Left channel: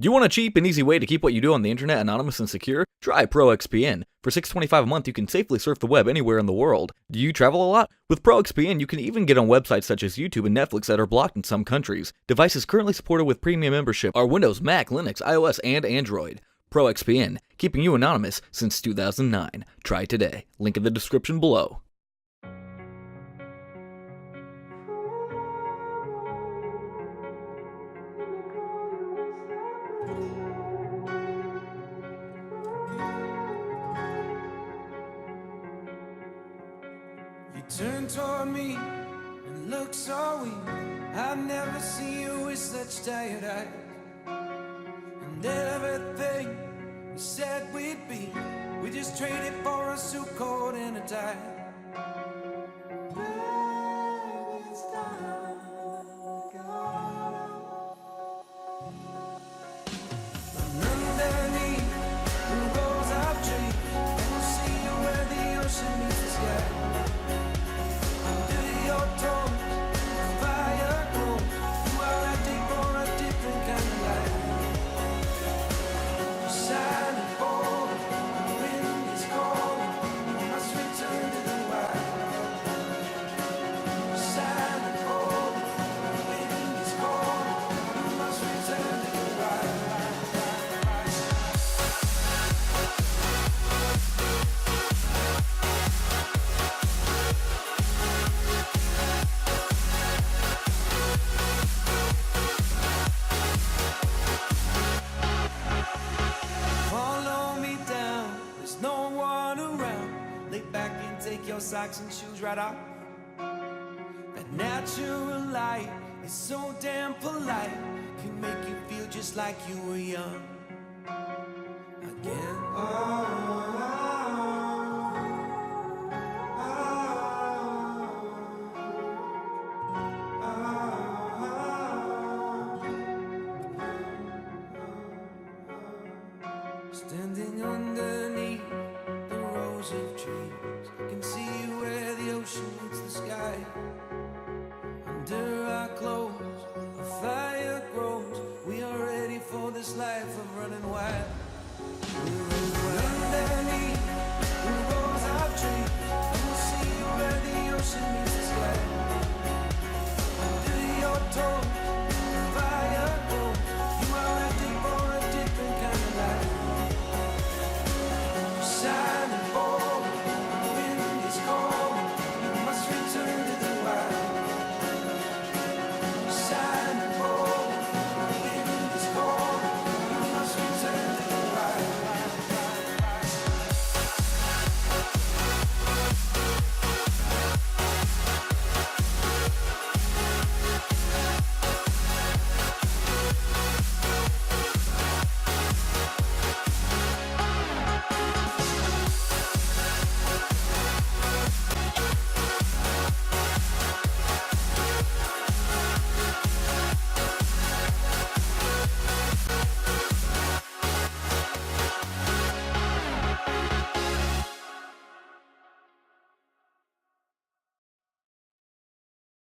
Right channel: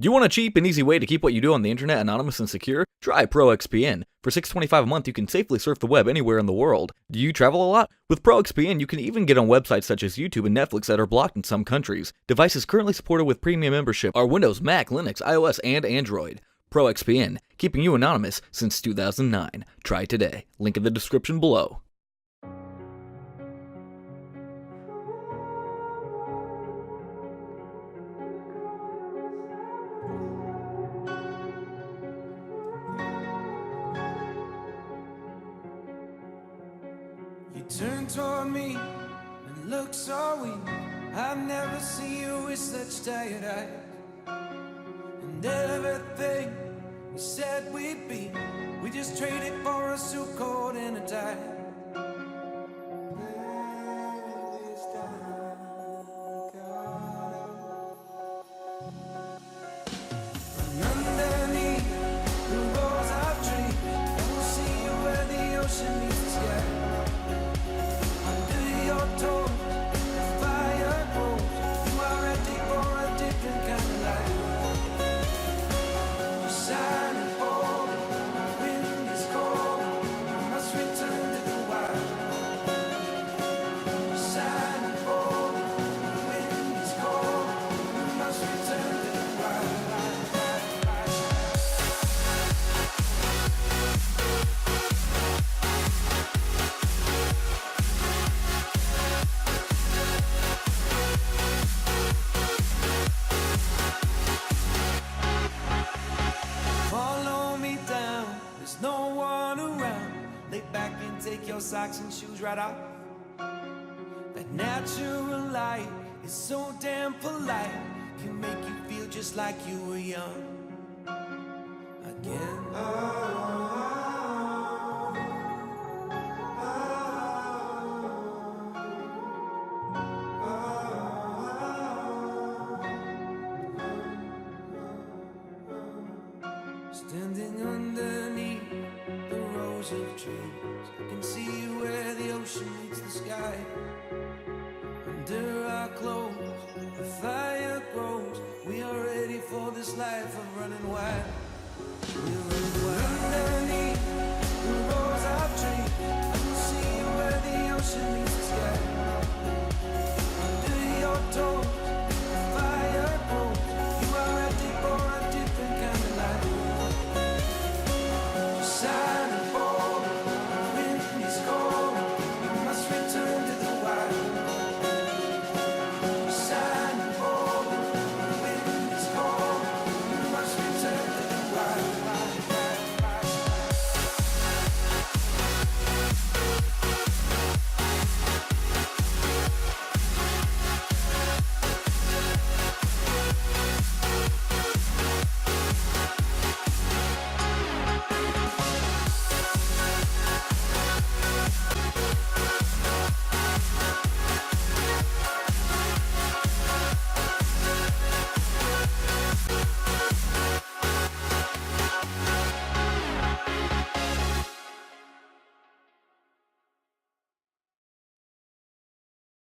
Do you want a cheap and easy way to keep what you do on the internet anonymous and secure? Try ProXPN. For $6.25 a month, you can safely surf the web anywhere in the world. Do you travel a lot? With ProXPN, you can even get on websites such as YouTube and Netflix that are blocked in some countries. Devices currently supported with premium membership are Windows, Mac, Linux, iOS, and Android. ProXPN, keeping you anonymous since 2009. Try today. Link in the description below. You turned toward me and looked so weak. I've never seen you with such tired eyes. And everything we said we'd be, we just traded for a suit coat and a tie. And underneath the rows of trees, I will see you where the ocean meets the sky. Under your toes, the fire grows. You are ready for a different kind of life. You're silent, bold, the wind is cold. You must return to the wild. You're silent, bold, the wind is cold. You must return to the wild. Follow me down, there's no one around. Lay back and take your socks and shoes right off. That natural light is so damn polite, can make you feel just like you were young again. Standing underneath the rows of trees, I can see where the ocean meets the sky. Under our clothes, a fire grows. We are ready for this life of running wild. We're running wild. Underneath the rows of trees, I will see you where the ocean meets the sky. Under your toes,